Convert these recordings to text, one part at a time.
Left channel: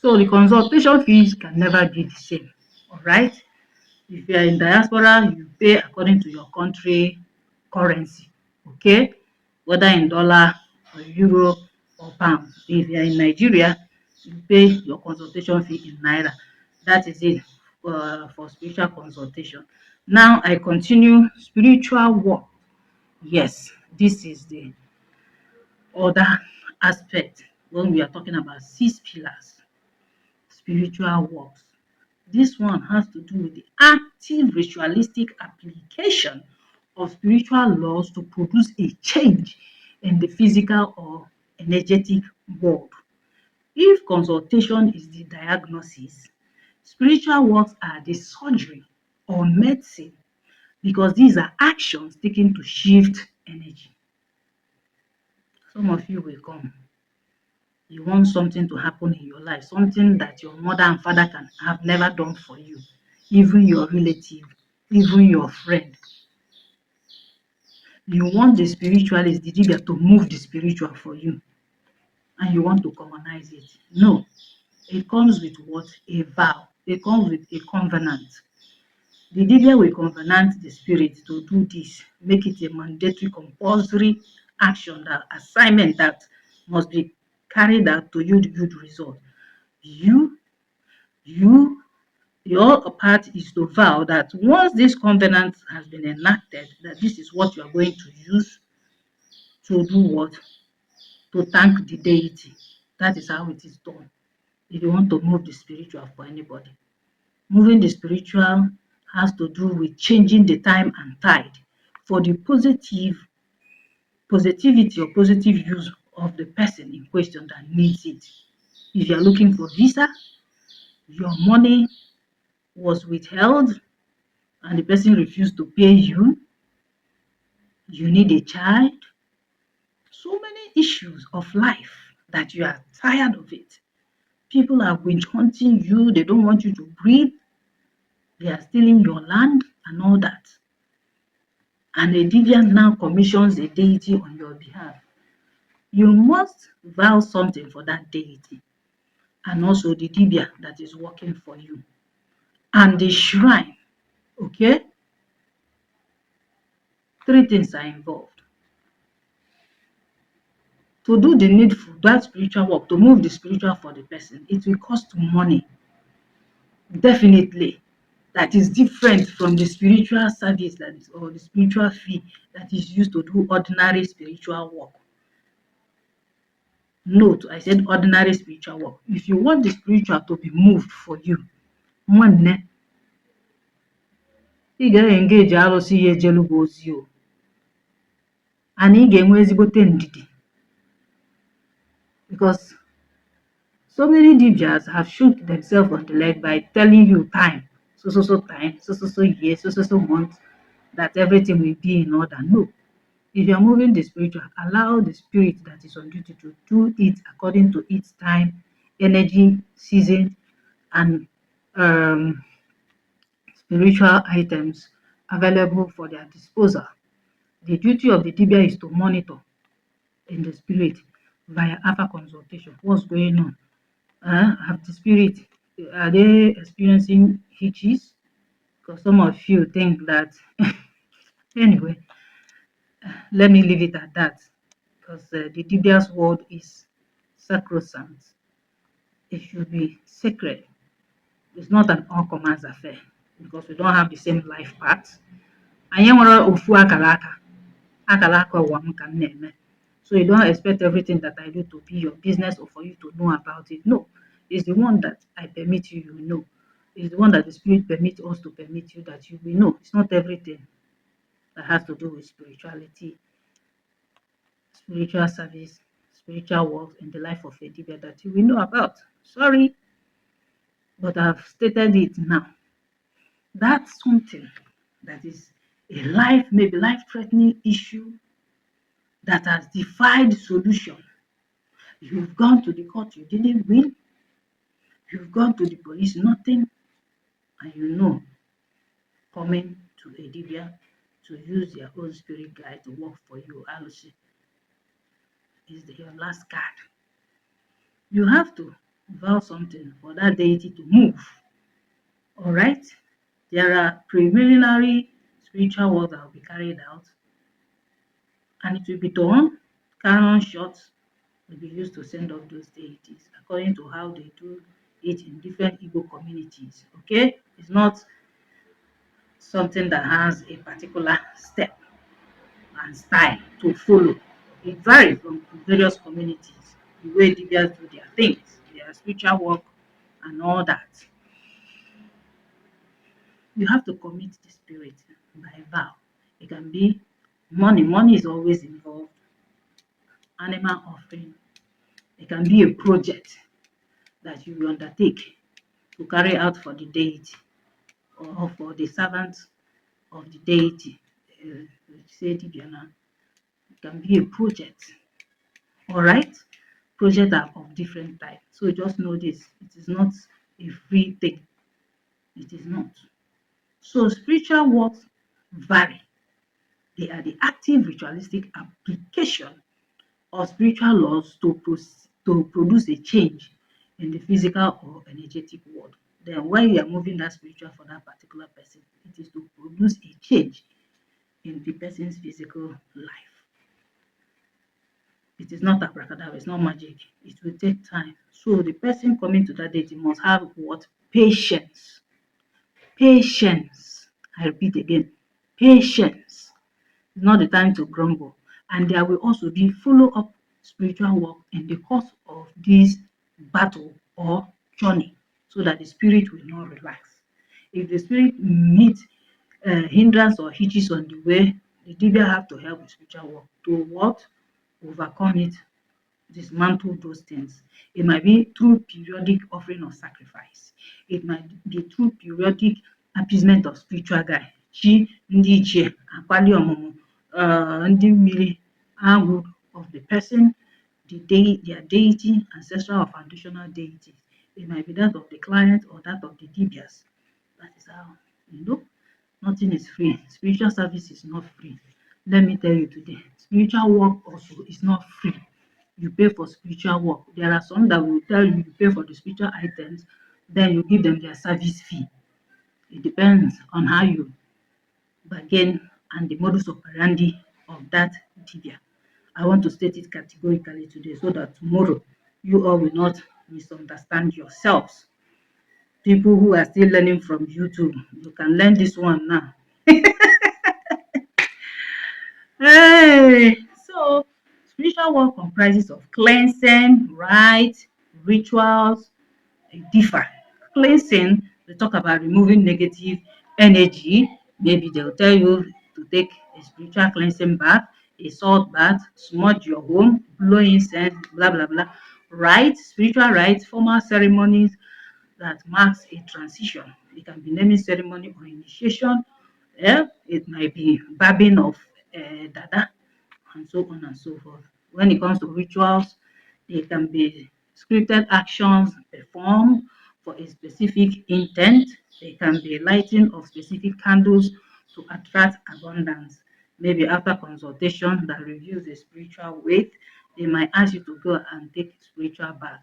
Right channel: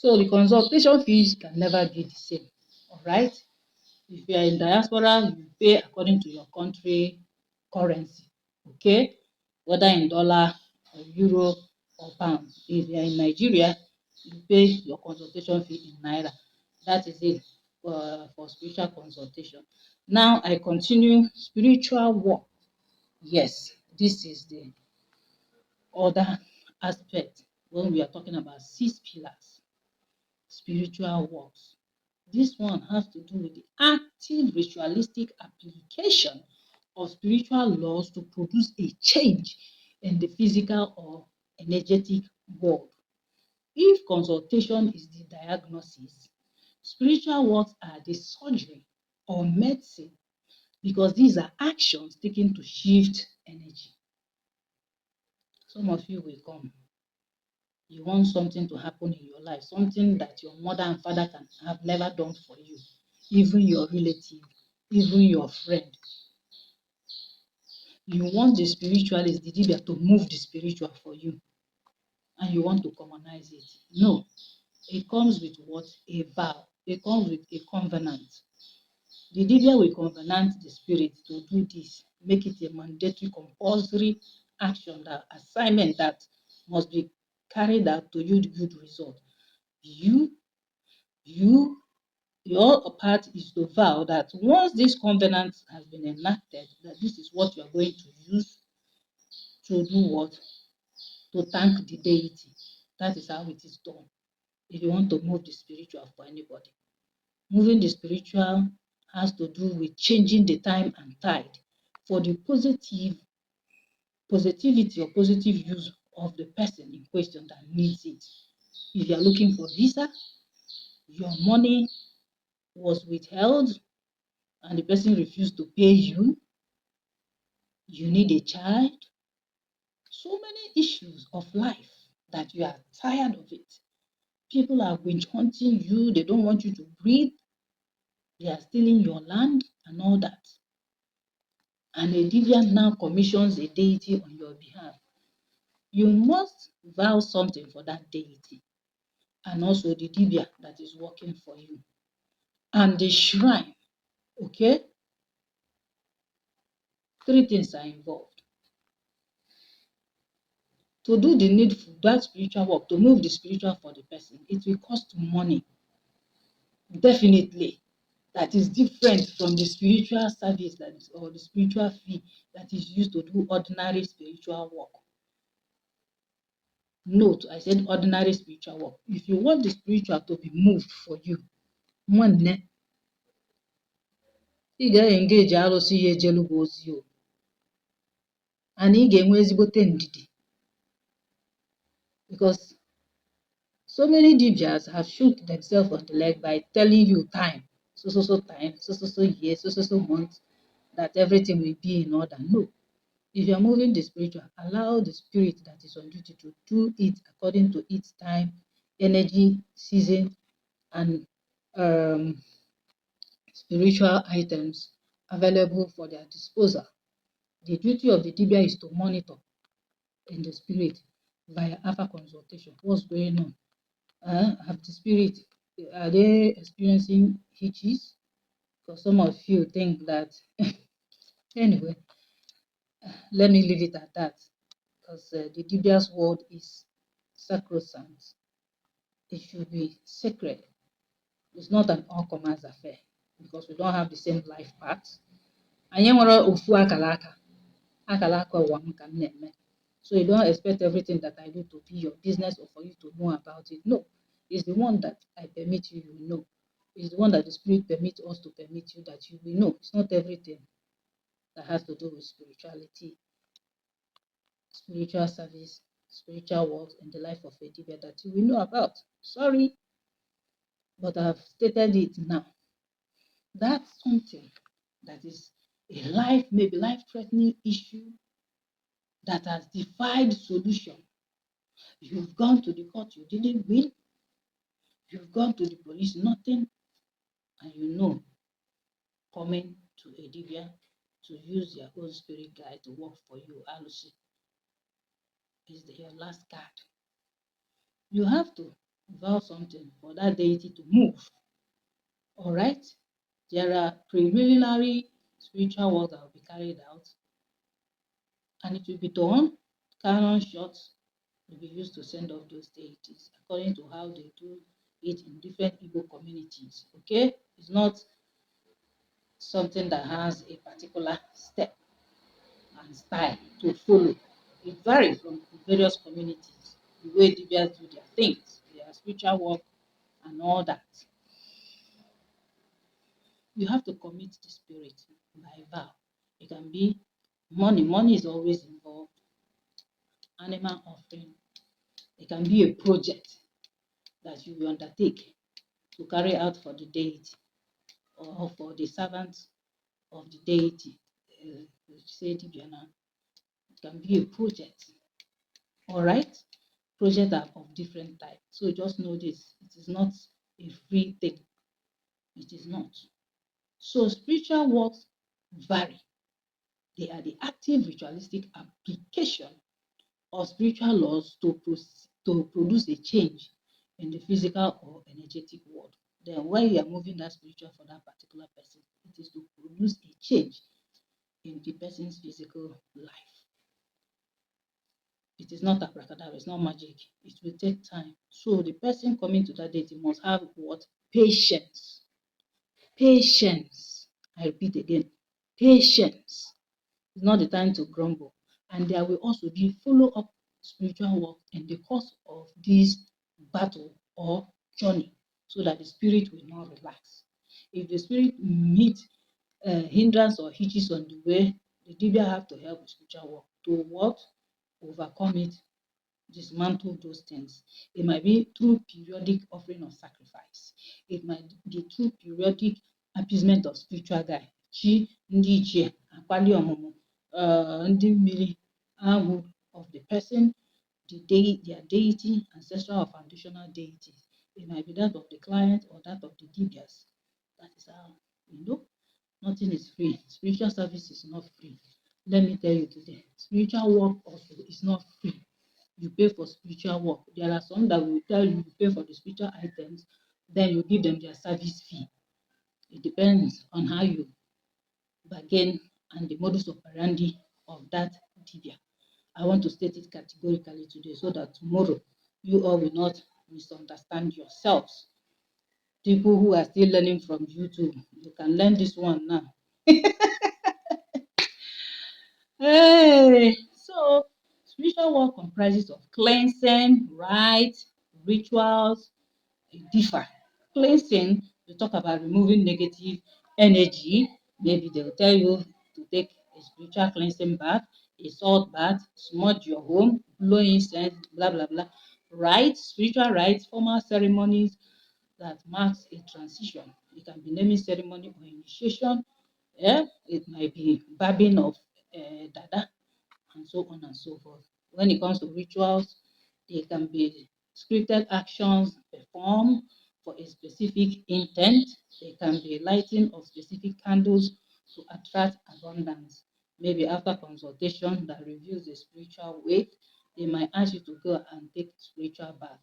So the consultation fees can never be the same. All right. If you are in diaspora, you pay according to your country currency. Okay, whether in dollar or euro or pounds. If you are in Nigeria, you pay your consultation fee in naira. That is it for spiritual consultation. Now I continue spiritual work. Yes, this is the other aspect when we are talking about 6 pillars, spiritual works. This one has to do with the active ritualistic application of spiritual laws to produce a change in the physical or energetic world. If consultation is the diagnosis, spiritual works are the surgery or medicine because these are actions taken to shift energy. Some of you will come. You want something to happen in your life, something that your mother and father can have never done for you, even your relative, even your friend. You want the spiritualist, the Dibia, to move the spiritual for you, and you want to commonize it. No, it comes with what? A vow. It comes with a covenant. The Dibia will covenant the spirit to do this, make it a mandatory, compulsory action, that assignment that must be carried out to yield good result. You, you, your part is to vow that once this covenant has been enacted, that this is what you are going to use to do what? To thank the deity. That is how it is done. If you want to move the spiritual for anybody, moving the spiritual has to do with changing the time and tide for the positivity or positive use of the person in question that needs it. If you are looking for visa, your money was withheld and the person refused to pay you, you need a child, so many issues of life that you are tired of it. People are witch hunting you, they don't want you to breathe, they are stealing your land and all that. And a deviant now commissions a deity on your behalf. You must vow something for that deity and also the dibia that is working for you and the shrine. Okay? 3 things are involved. To do the needful, that spiritual work, to move the spiritual for the person, it will cost money. Definitely. That is different from the spiritual service that is, or the spiritual fee that is used to do ordinary spiritual work. Note, I said ordinary spiritual work. If you want the spiritual to be moved for you, nwanne, ị ga-engage arụsị ya ejelu gị ozi o, and ị ga-enwe ezigbote ndidi, because so many dibias have shoot themselves on the leg by telling you time, so time, so year, so month, that everything will be in order. No. If you are moving the spiritual, allow the spirit that is on duty to do it according to its time, energy, season, and spiritual items available for their disposal. The duty of the dibia is to monitor in the spirit via alpha consultation. What's going on? Have the spirit, are they experiencing hitches? Because some of you think that, anyway, let me leave it at that, because the Dibia's word is sacrosanct. It should be sacred. It's not an all commands affair because we don't have the same life paths. Anyị nwere ofu akara aka ụwa m ka m na-eme. So you don't expect everything that I do to be your business or for you to know about it. No, it's the one that I permit you, you know. It's the one that the Spirit permits us to permit you that you will know. It's not everything that has to do with spirituality, spiritual service, spiritual work in the life of a Dibia that you will know about. Sorry, but I've stated it now. That's something that is a life, maybe life-threatening issue that has defied solution. You've gone to the court, you didn't win. You've gone to the police, nothing. And you know, coming to a Dibia to use their own spirit guide to work for you, Alusi, is your last card. You have to vow something for that deity to move. All right. There are preliminary spiritual work that will be carried out, and it will be done. Canon shots will be used to send off those deities according to how they do it in different Igbo communities. Okay, it's not something that has a particular step and style to follow. It varies from various communities, the way Dibias do their things, their spiritual work, and all that. You have to commit the spirit by vow. It can be money, money is always involved, animal offering. It can be a project that you will undertake to carry out for the deity or for the servants of the deity. Say Dibiana, it can be a project. All right, projects are of different types. So just know this: it is not a free thing. It is not. So spiritual works vary. They are the active ritualistic application of spiritual laws to produce a change in the physical or energetic world. Then when you are moving that spiritual for that particular person, it is to produce a change in the person's physical life. It is not abracadabra, it's not magic. It will take time. So the person coming to that date must have what? Patience. Patience. I repeat again, patience. It's not the time to grumble. And there will also be follow-up spiritual work in the course of this battle or journey so that the spirit will not relax. If the spirit meets hindrance or hitches on the way, the Dibia have to help with spiritual work to what? Overcome it, dismantle those things. It might be through periodic offering of sacrifice. It might be through periodic appeasement of spiritual guide. Chi ndị ichie akwali ọmụmụ ndị mmiri agwụ of the person, their deity, ancestral or foundational deities. It might be that of the client or that of the dibias. That is how, you know, nothing is free. Spiritual service is not free. Let me tell you today, spiritual work also is not free. You pay for spiritual work. There are some that will tell you pay for the spiritual items, then you give them their service fee. It depends on how you bargain and the modus operandi of that dibia. I want to state it categorically today so that tomorrow you all will not misunderstand yourselves. People who are still learning from YouTube, you can learn this one now. Hey, so spiritual work comprises of cleansing, rites, rituals, differ. Cleansing, we talk about removing negative energy. Maybe they'll tell you to take a spiritual cleansing bath, a salt bath, smudge your home, blow incense, blah blah blah. Rites, spiritual rites, formal ceremonies that marks a transition. It can be naming ceremony or initiation. Yeah, it might be babbing of dada and so on and so forth. When it comes to rituals, they can be scripted actions performed for a specific intent. They can be lighting of specific candles to attract abundance. Maybe after consultation that reviews the spiritual weight, they might ask you to go and take spiritual bath.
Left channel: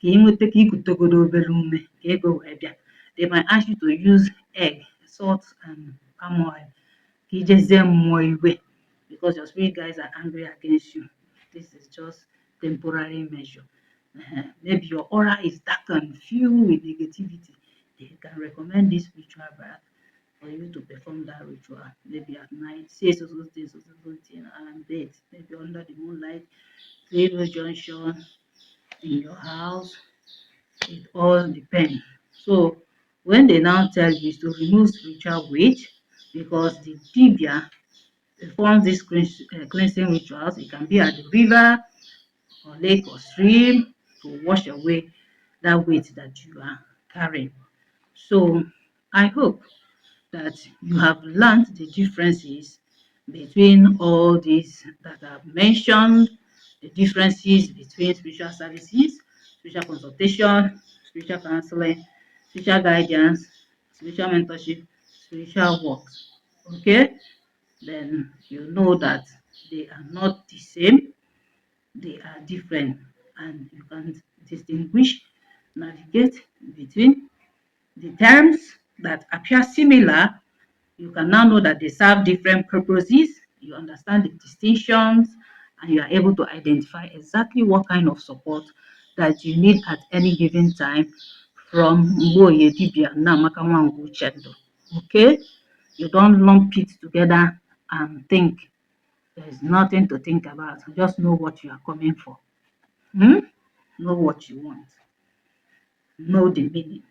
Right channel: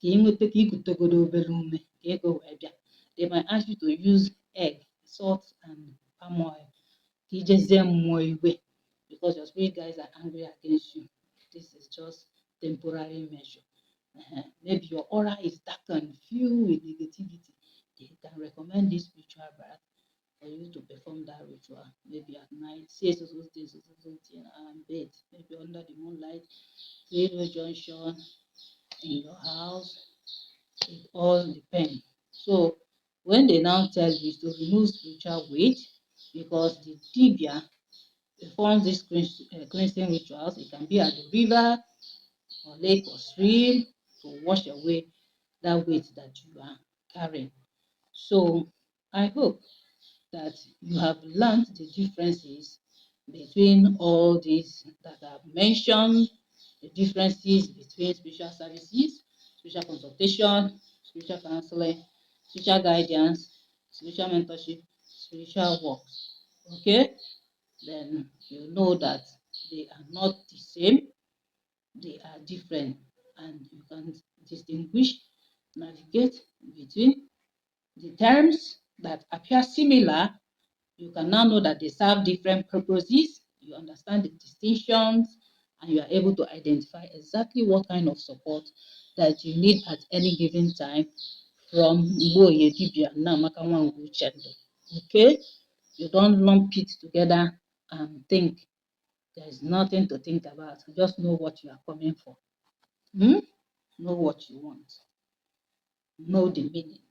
Ka ị nweta ka ikutegodo obere ume ka ego wee bịa. They might ask you to use egg, salt and palm oil ka ijezie mmụọ iwe because your spirit guides are angry against you. This is just temporary measure. Maybe your aura is dark and filled with negativity. They can recommend this spiritual bath for you to perform that ritual. Maybe at night, say so so things, so thing, and bed. Maybe under the moonlight, zero junction in your house. It all depends. So when they now tell you to remove spiritual weight, because the tibia performs these cleansing rituals, it can be at the river or lake or stream to wash away that weight that you are carrying. So I hope that you have learned the differences between all these that I've mentioned, the differences between spiritual services, spiritual consultation, spiritual counseling, spiritual guidance, spiritual mentorship, spiritual works. Okay? Then you know that they are not the same, they are different, and you can distinguish navigate between the terms that appear similar. You can now know that they serve different purposes. You understand the distinctions, and you are able to identify exactly what kind of support that you need at any given time from Mboye Dibia Namaka Nwangu Chendo. Okay? You don't lump it together and think. There's nothing to think about. Just know what you are coming for. Hmm? Know what you want. Know the meaning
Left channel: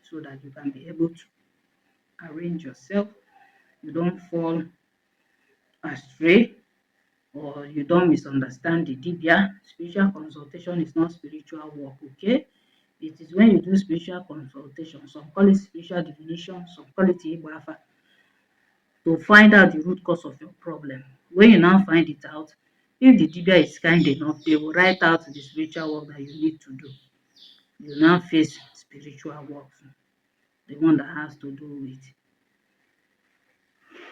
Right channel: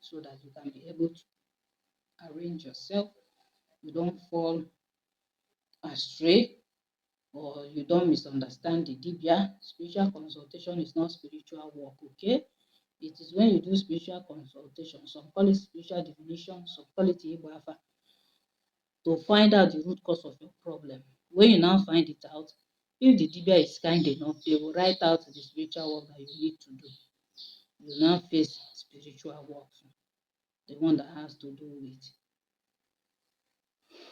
so that you can be able to arrange yourself. You don't fall astray or you don't misunderstand the dibia. Spiritual consultation is not spiritual work, okay? It is when you do spiritual consultation, some call it spiritual divination, some call it Igbafa, to find out the root cause of your problem. When you now find it out, if the dibia is kind enough, they will write out the spiritual work that you need to do. You now face spiritual work, the one that has to do with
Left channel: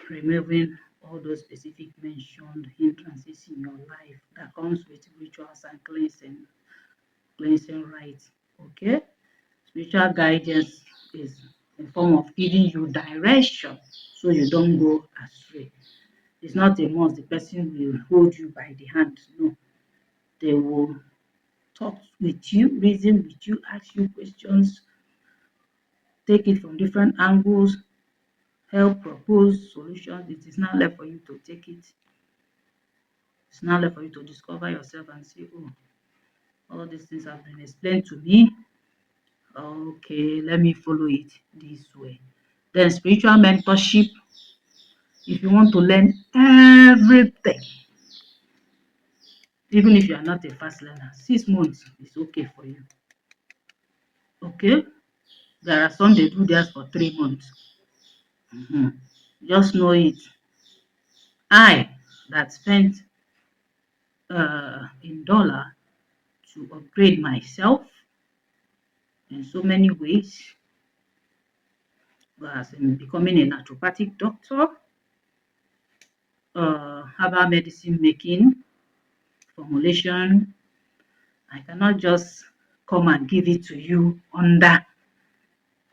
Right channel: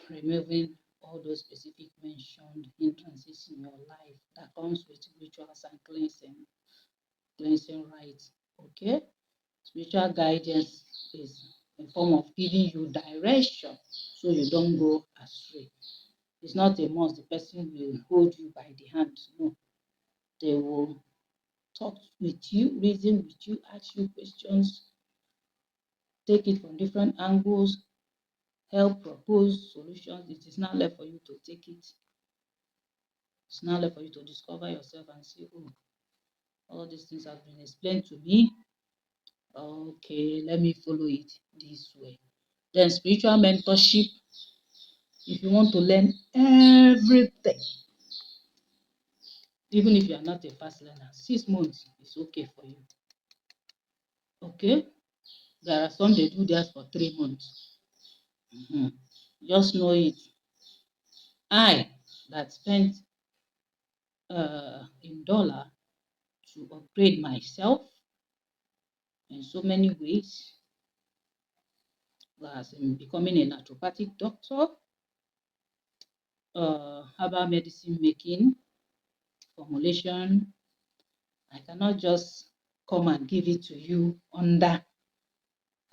removing all those specific mentioned hindrances in your life that comes with rituals and cleansing rites. Okay? Spiritual guidance is a form of giving you direction so you don't go astray. It's not a must the person will hold you by the hand. No. They will talk with you, reason with you, ask you questions, take it from different angles, help propose solutions. It is now left for you to take it. It's now left for you to discover yourself and say, oh, all these things have been explained to me. Okay, let me follow it this way. Then spiritual mentorship. If you want to learn everything, even if you are not a fast learner, 6 months is okay for you. Okay? There are some they do theirs for 3 months. Just know it. I that spent in dollar to upgrade myself in so many ways, as in becoming a naturopathic doctor, herbal medicine making, formulation. I cannot just come and give it to you under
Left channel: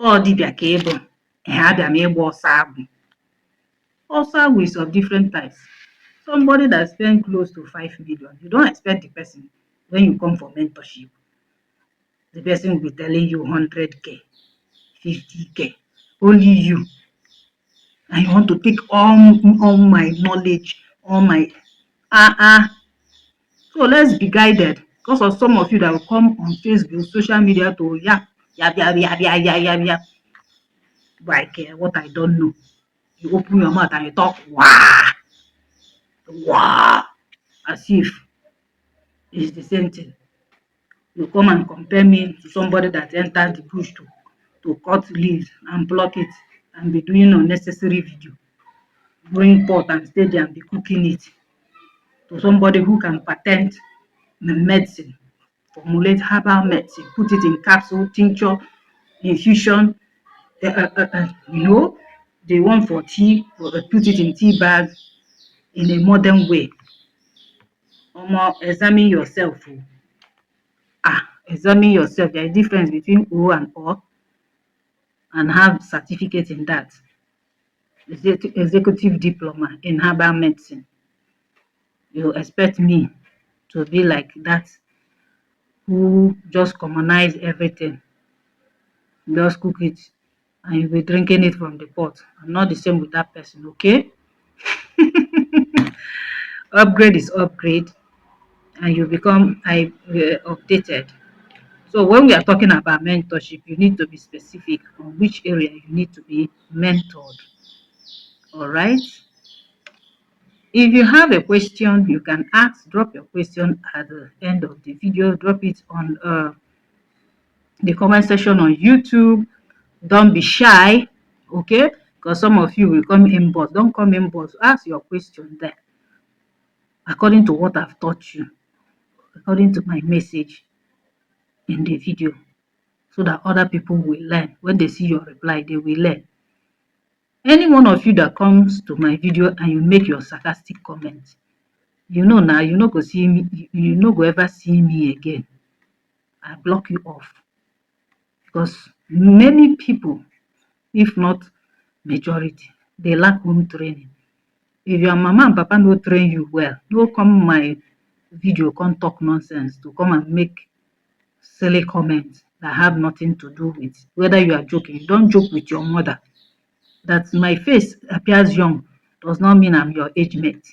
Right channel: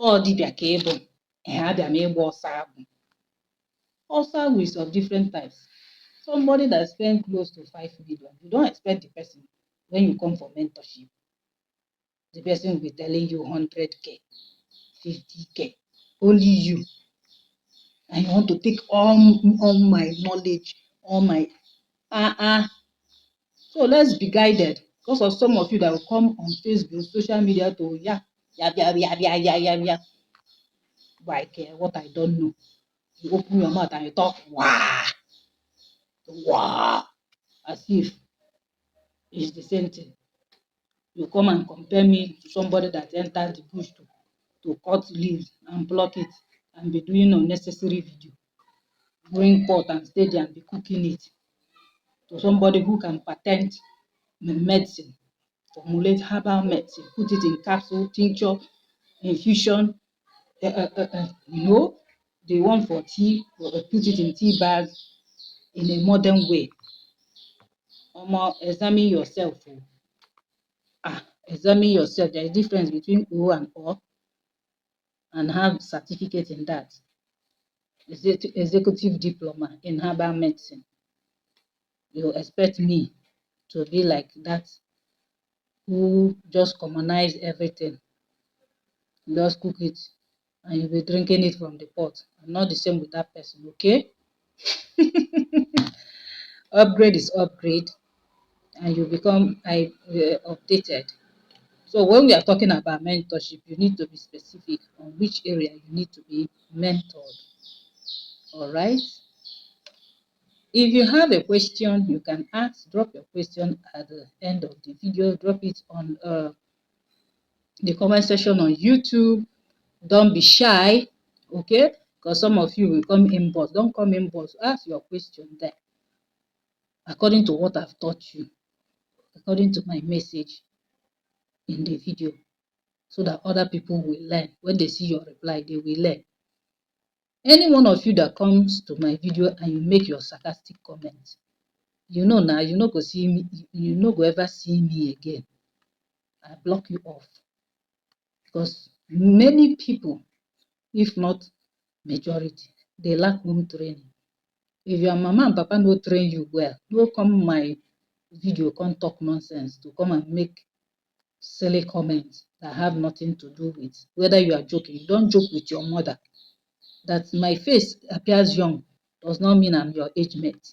all dibia ka ị bụ abịa m ịgba ọsọ agwụ. Also is of different types. Somebody that spent close to 5 million, you don't expect the person when you come for mentorship. The person will be telling you 100K, 50K, only you. And you want to take all my knowledge, all my So let's be guided because of some of you that will come on Facebook, social media to yap, like what I don't know. You open your mouth and you talk wow, as if it's the same thing. You come and compare me to somebody that entered the bush to cut leaves and pluck it and be doing unnecessary video. Bring pot and stay there and be cooking it to somebody who can patent medicine, formulate herbal medicine, put it in capsule, tincture, infusion, the one for tea, put it in tea bags in a modern way. Examine yourself. Examine yourself. There is difference between O and O and have certificate in that. Executive diploma in herbal medicine. You expect me to be like that who just commonize everything, just cook it, and you'll be drinking it from the pot. I'm not the same with that person, okay? Upgrade is upgrade, and you become updated. So when we are talking about mentorship, you need to be specific on which area you need to be mentored. All right? If you have a question, you can drop your question at the end of the video. Drop it on the comment section on YouTube. Don't be shy, okay? Because some of you will come inbox. Don't come inbox. Ask your question there according to what I've taught you, according to my message in the video, so that other people will learn. When they see your reply, they will learn. Any one of you that comes to my video and you make your sarcastic comments, you know now, you no go see me, you no go ever see me again. I block you off. because many people, if not majority, they lack home training. If your mama and papa no train you well, no come my video, come talk nonsense to come and make silly comments that have nothing to do with whether you are joking. Don't joke with your mother. That my face appears young does not mean I'm your age mate.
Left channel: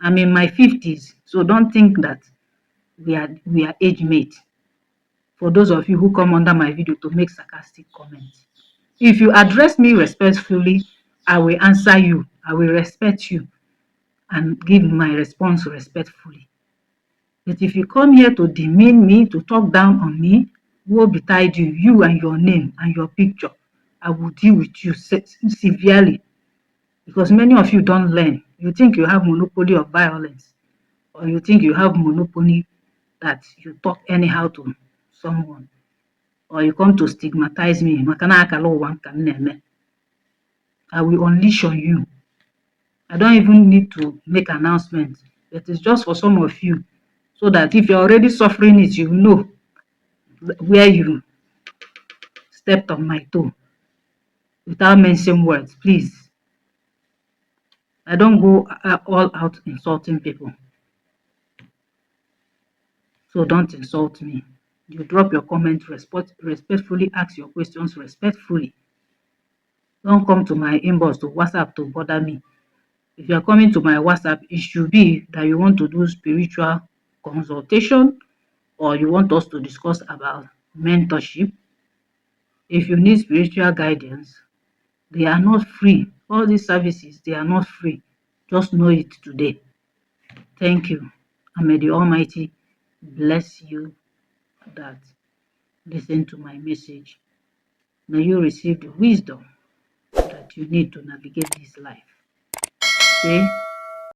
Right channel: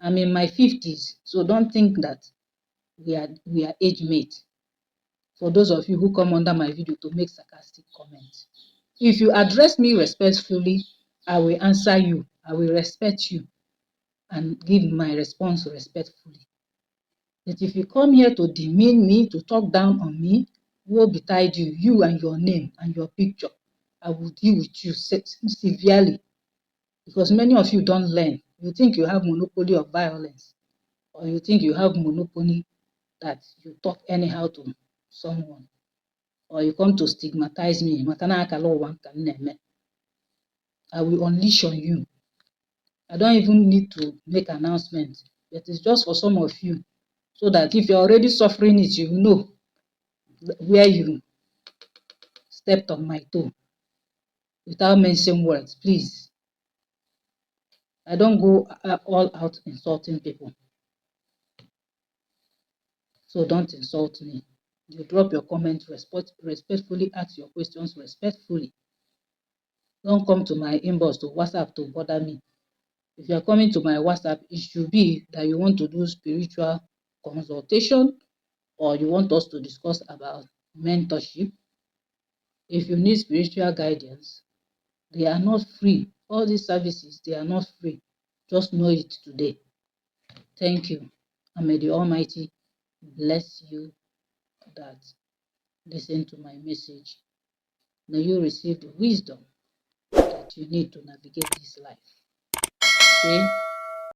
I'm in my 50s, so don't think that we are age mate. For those of you who come under my video to make sarcastic comments, if you address me respectfully, I will answer you. I will respect you and give my response respectfully. But if you come here to demean me, to talk down on me, woe betide you, you and your name and your picture. I will deal with you severely because many of you don't learn. You think you have monopoly of violence, or you think you have monopoly that you talk anyhow to someone, or you come to stigmatize me. I will unleash on you. I don't even need to make announcements. It is just for some of you, so that if you're already suffering it, you know where you stepped on my toe without mentioning words. Please, I don't go all out insulting people. So don't insult me. You drop your comments respectfully, ask your questions respectfully. Don't come to my inbox to WhatsApp to bother me. If you are coming to my WhatsApp, it should be that you want to do spiritual consultation or you want us to discuss about mentorship. If you need spiritual guidance, they are not free. All these services, they are not free. Just know it today. Thank you. And may the Almighty bless you that listen to my message. May you receive the wisdom that you need to navigate this life.